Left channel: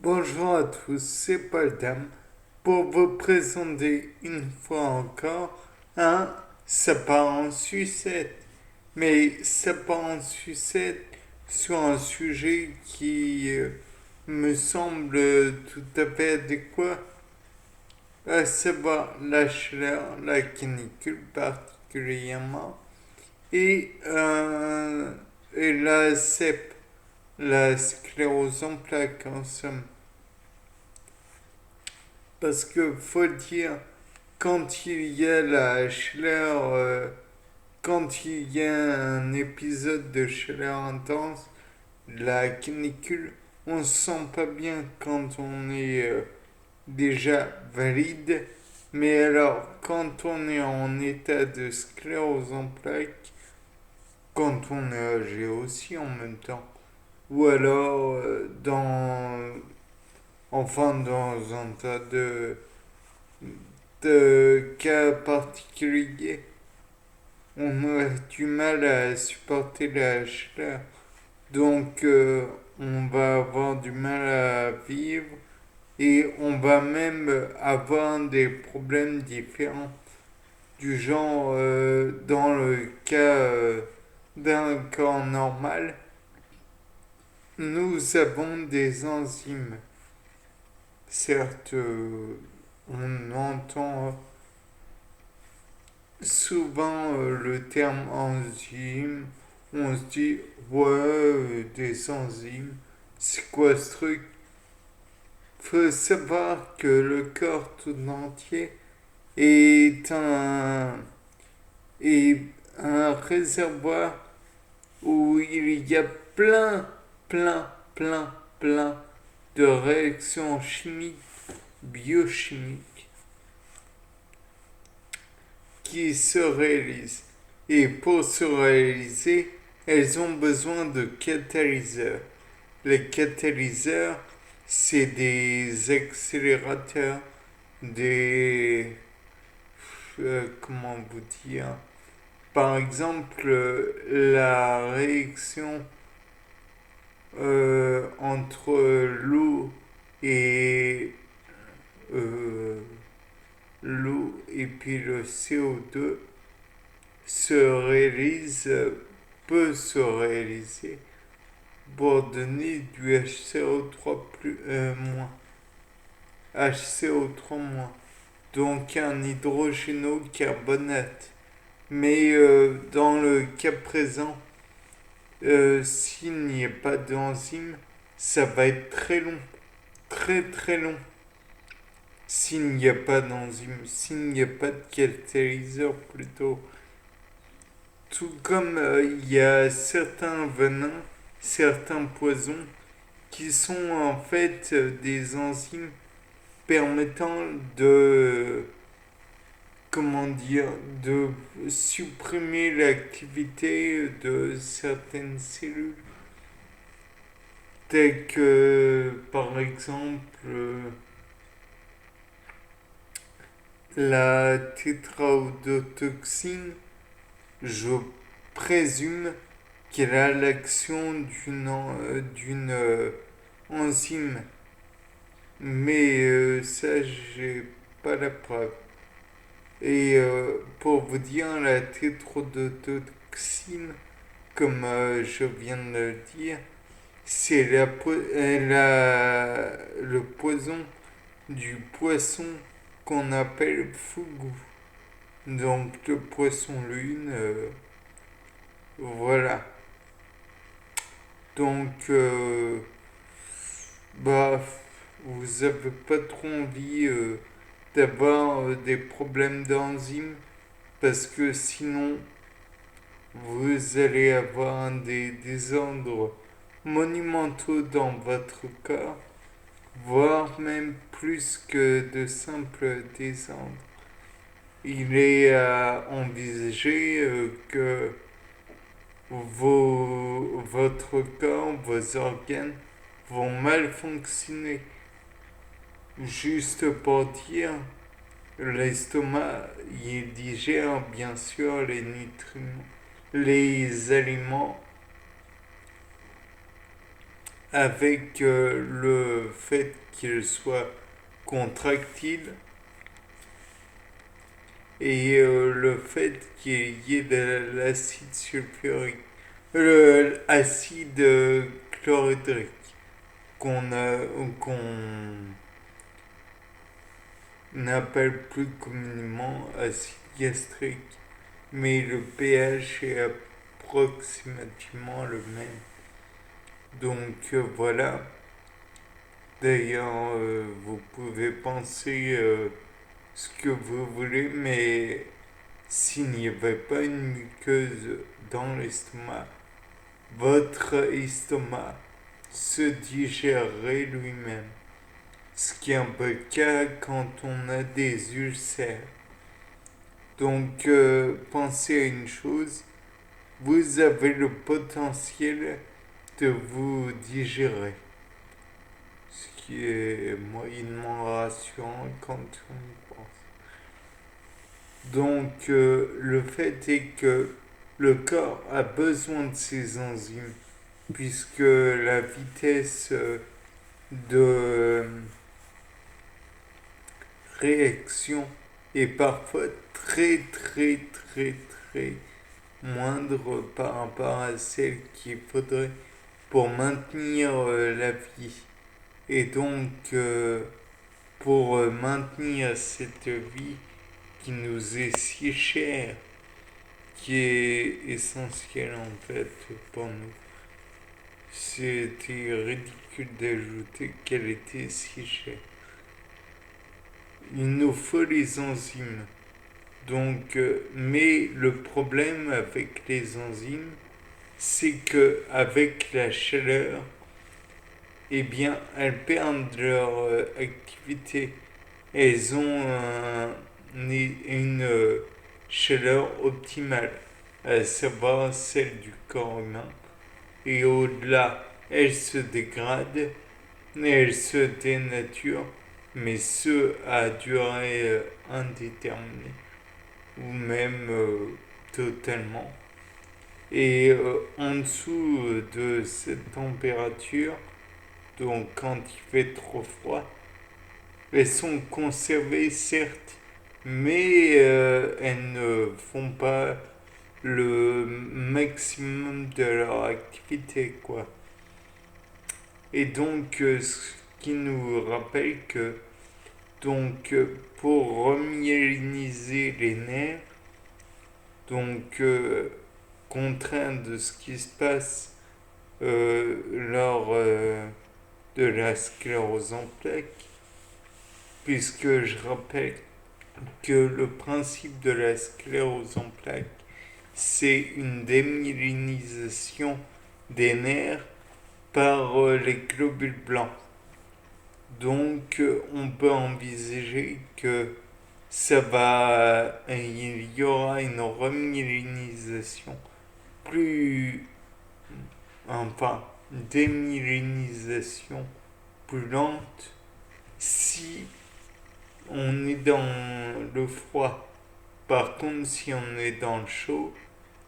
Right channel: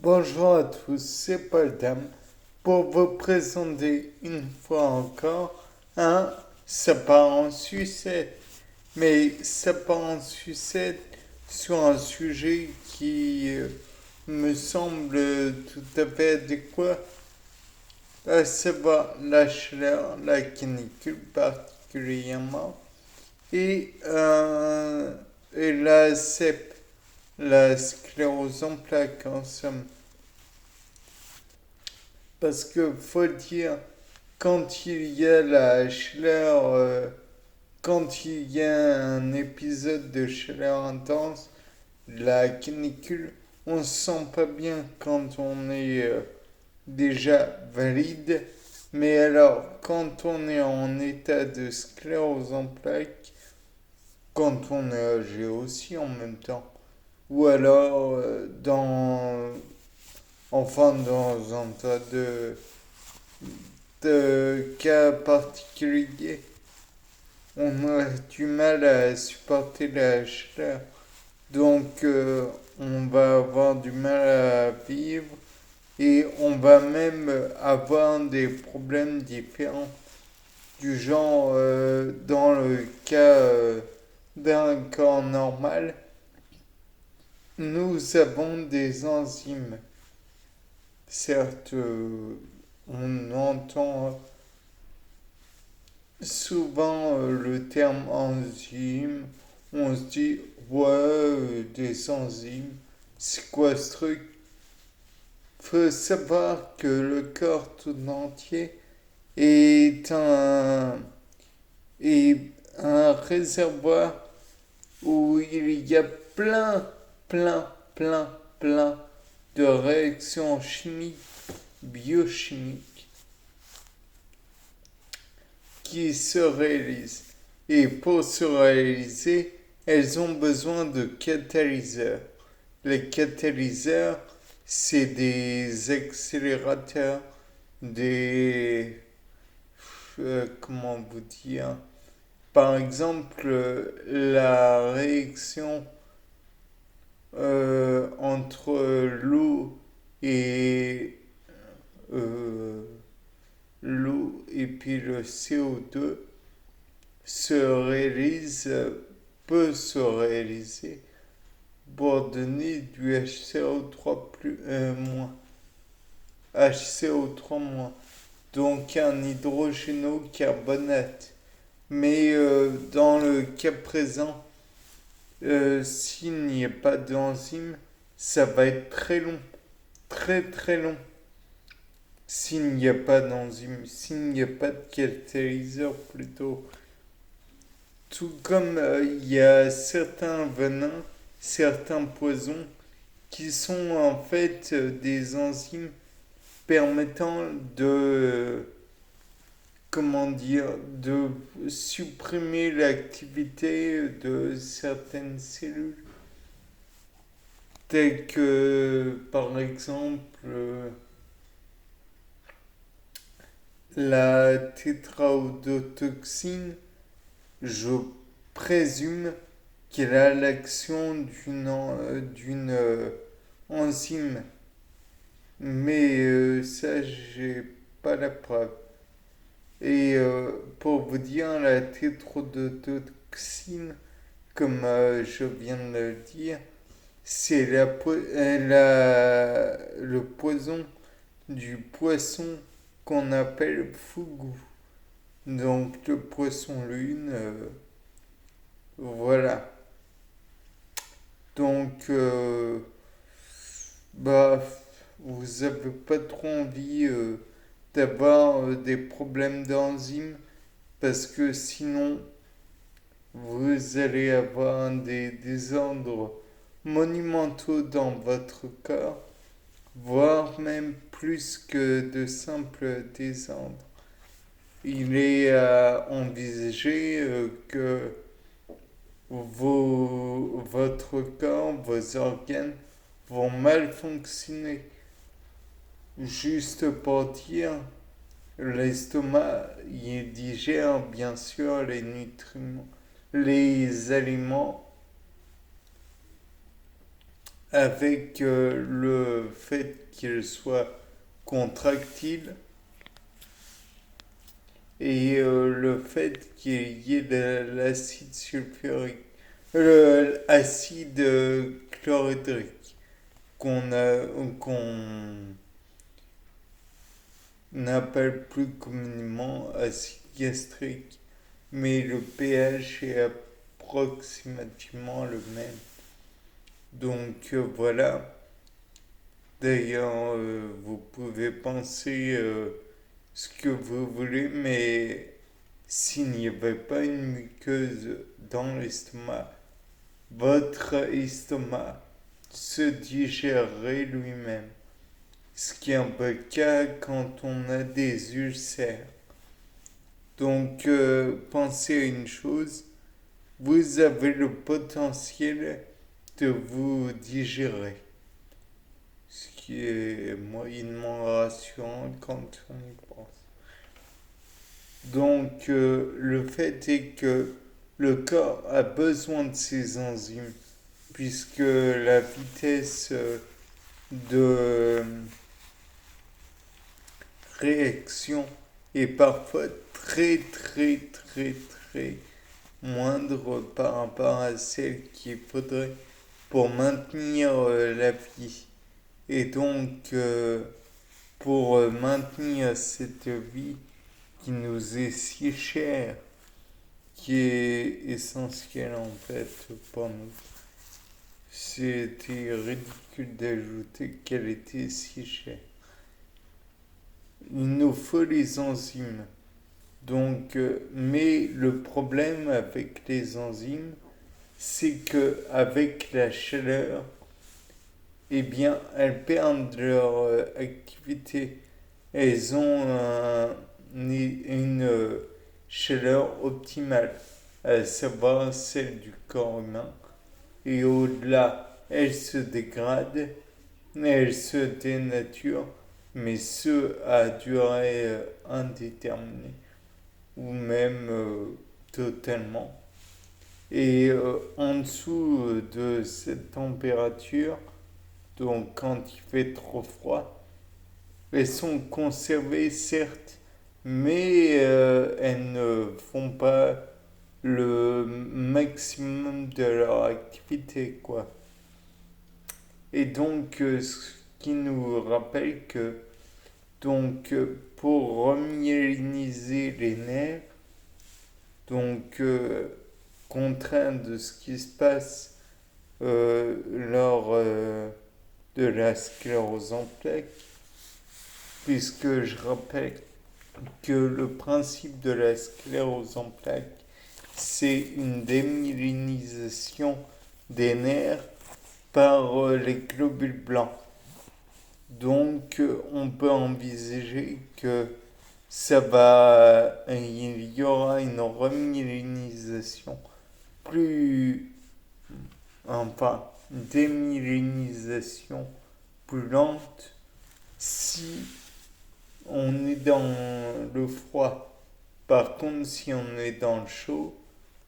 Bonjour à tous, c'est Paul Dam pour vous présenter une fois encore un Ça part en sucette. Mais ça part en sucette sur un sujet qui me semble tout à fait adéquat, à savoir la chaleur, la canicule particulièrement, et, euh, et la CEP, la sclérose en plaques en somme. Parce que faut dire, quand il y a la chaleur, quand il y a un épisode de chaleur intense, la canicule, on se sent pas bien quand on est déjà valide. Mais alors, quand on est en état de sclérose en plaques, quand on est âgé aussi en même temps, ou alors dans un tas de cas particuliers, on a du mal à supporter la chaleur. Donc, on va avoir du mal à vivre et on va même avoir des problèmes différents. Du genre, dans le cas d'un corps normal, nous avons des enzymes. Certes, on entend souvent le terme enzyme, on se dit ouais, des enzymes, c'est quoi ce truc? Faut savoir que le corps tout entier est est un réservoir où il y a plein, plein, plein, plein de réactions chimiques, biochimiques qui se réalisent. Et pour se réaliser, elles ont besoin de catalyseurs. Les catalyseurs, c'est des accélérateurs, des... comment vous dire? Par exemple, la réaction entre l'eau et euh, l'eau et puis le CO2 se réalise, peut se réaliser pour donner du HCO3 moins. HCO3 moins. Donc un hydrogénocarbonate. Mais dans le cas présent, s'il n'y a pas d'enzyme, ça va être très long. Très très long. S'il n'y a pas d'enzyme, s'il n'y a pas de catalyseur plutôt. Tout comme il y a certains venins, certains poisons qui sont en fait des enzymes permettant de, comment dire, de supprimer l'activité de certaines cellules, telles que par exemple la tétraodotoxine. Je présume qu'elle a l'action d'une enzyme, mais ça, j'ai pas la preuve. Et pour vous dire, la tétrodotoxine, comme je viens de le dire, c'est le poison du poisson qu'on appelle fougou. Donc le poisson lune, voilà. Donc, bah, vous avez pas trop envie d'avoir des problèmes d'enzymes parce que sinon vous allez avoir des désordres monumentaux dans votre corps, voire même plus que de simples désordres. Il est à envisager que votre corps, vos organes vont mal fonctionner. Juste pour dire, l'estomac, il digère bien sûr les nutriments, les aliments avec le fait qu'il soit contractile et le fait qu'il y ait de l'acide sulfurique, l'acide chlorhydrique qu'on appelle plus communément acide gastrique, mais le pH est approximativement le même. Donc voilà. D'ailleurs, vous pouvez penser ce que vous voulez, mais s'il n'y avait pas une muqueuse dans l'estomac, votre estomac se digérerait lui-même. Ce qui est un peu le cas quand on a des ulcères. Donc, pensez à une chose, vous avez le potentiel de vous digérer. Ce qui est moyennement rassurant quand on y pense. Donc, le fait est que le corps a besoin de ces enzymes, puisque la vitesse de réaction est parfois très très très très moindre par rapport à celle qu'il faudrait pour maintenir la vie. Et donc, pour maintenir cette vie qui nous est si chère, qui est essentielle en fait pour nous, c'était ridicule d'ajouter qu'elle était si chère. Il nous faut les enzymes. Donc, mais le problème avec les enzymes, c'est que avec la chaleur, eh bien, elles perdent leur activité. Elles ont une chaleur optimale, à savoir celle du corps humain. Et au-delà, elles se dégradent, elles se dénaturent, mais ce à durée indéterminée, ou même totalement. Et en dessous de cette température, donc quand il fait trop froid, elles sont conservées certes, mais elles ne font pas le maximum de leur activité, quoi. Et donc, ce qui nous rappelle que, donc, pour remyéliniser les nerfs, donc, contraint de ce qui se passe lors de la sclérose en plaques, puisque je rappelle que le principe de la sclérose en plaques, c'est une démyélinisation des nerfs par les globules blancs. Donc on peut envisager que il y aura une remyélinisation plus, enfin, démyélinisation plus lente si on est dans le froid. Par contre, si on est dans le chaud,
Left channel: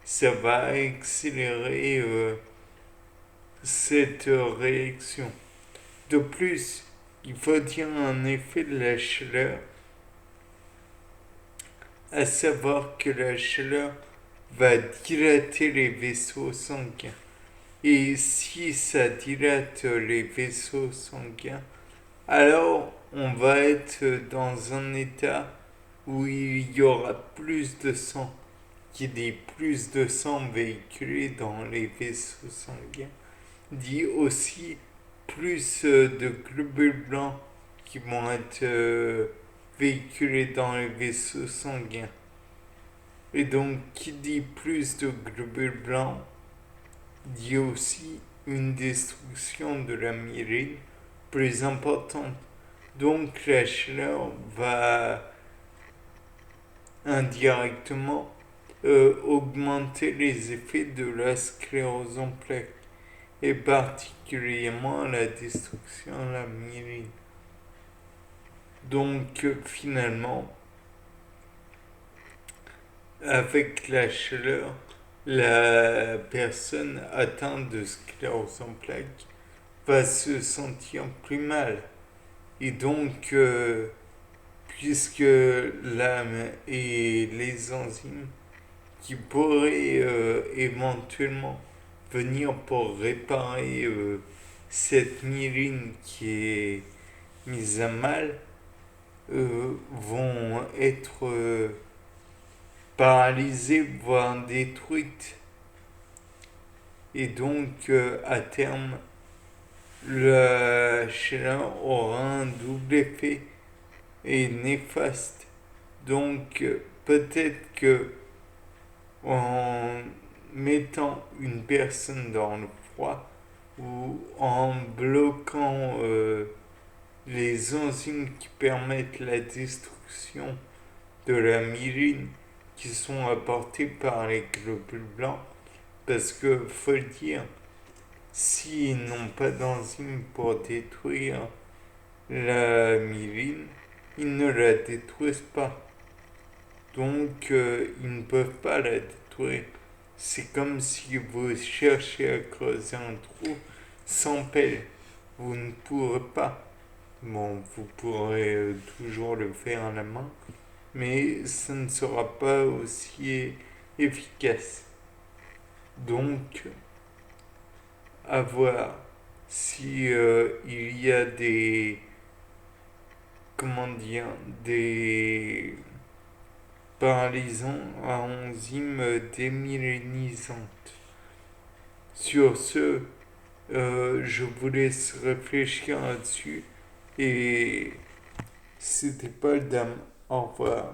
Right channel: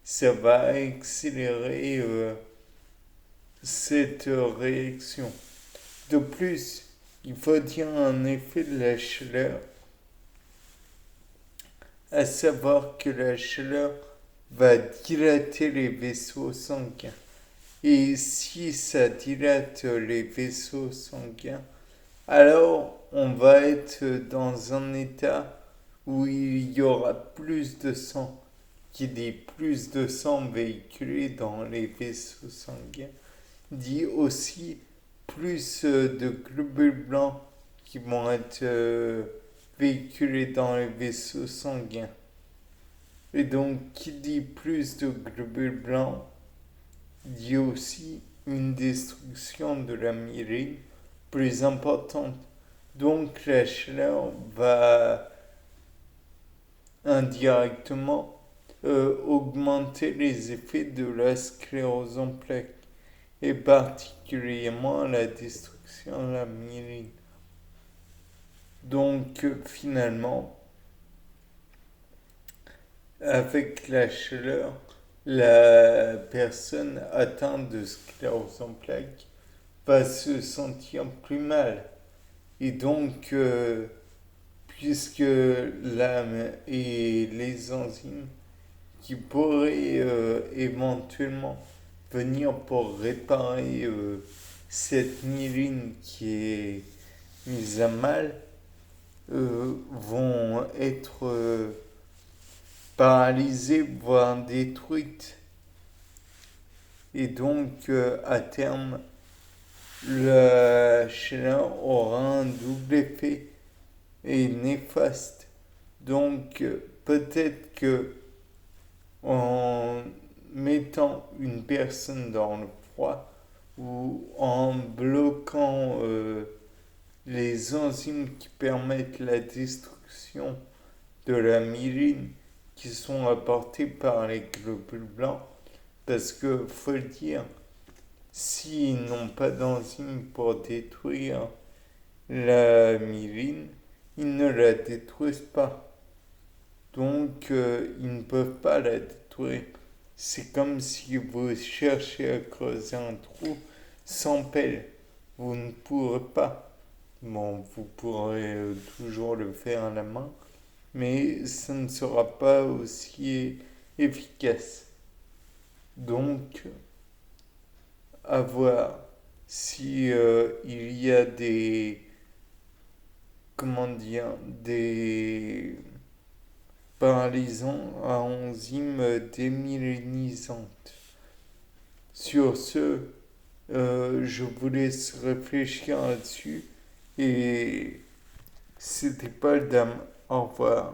ça va accélérer cette réaction. De plus, il faut dire un effet de la chaleur, à savoir que la chaleur va dilater les vaisseaux sanguins. Et si ça dilate les vaisseaux sanguins, alors on va être dans un état où il y aura plus de sang, qui dit plus de sang véhiculé dans les vaisseaux sanguins, dit aussi plus de globules blancs qui vont être véhiculés dans les vaisseaux sanguins. Et donc, qui dit plus de globules blancs, dit aussi une destruction de la myéline plus importante. Donc, la chaleur va indirectement augmenter les effets de la sclérose en plaques et particulièrement la destruction de la myéline. Donc finalement, avec la chaleur, la personne atteinte de sclérose en plaques va se sentir plus mal. Et donc, puisque l'âme et les enzymes qui pourraient éventuellement venir pour réparer cette myéline qui est mise à mal, vont être paralysées, voire détruites. Et donc, à terme, le chaleur aura un double effet et néfaste. Donc, peut-être que en mettant une personne dans le froid ou en bloquant les enzymes qui permettent la destruction de la myéline qui sont apportées par les globules blancs, parce que faut le dire, s'ils n'ont pas d'enzymes pour détruire la myéline, ils ne la détruisent pas. Donc, ils ne peuvent pas la détruire. C'est comme si vous cherchez à creuser un trou sans pelle. Vous ne pourrez pas. Bon, vous pourrez toujours le faire à la main, mais ça ne sera pas aussi efficace. Donc, à voir si il y a des, comment dire, des paralysants à enzymes démyélinisantes. Sur ce, je vous laisse réfléchir là-dessus et c'était pas le dame. Au revoir.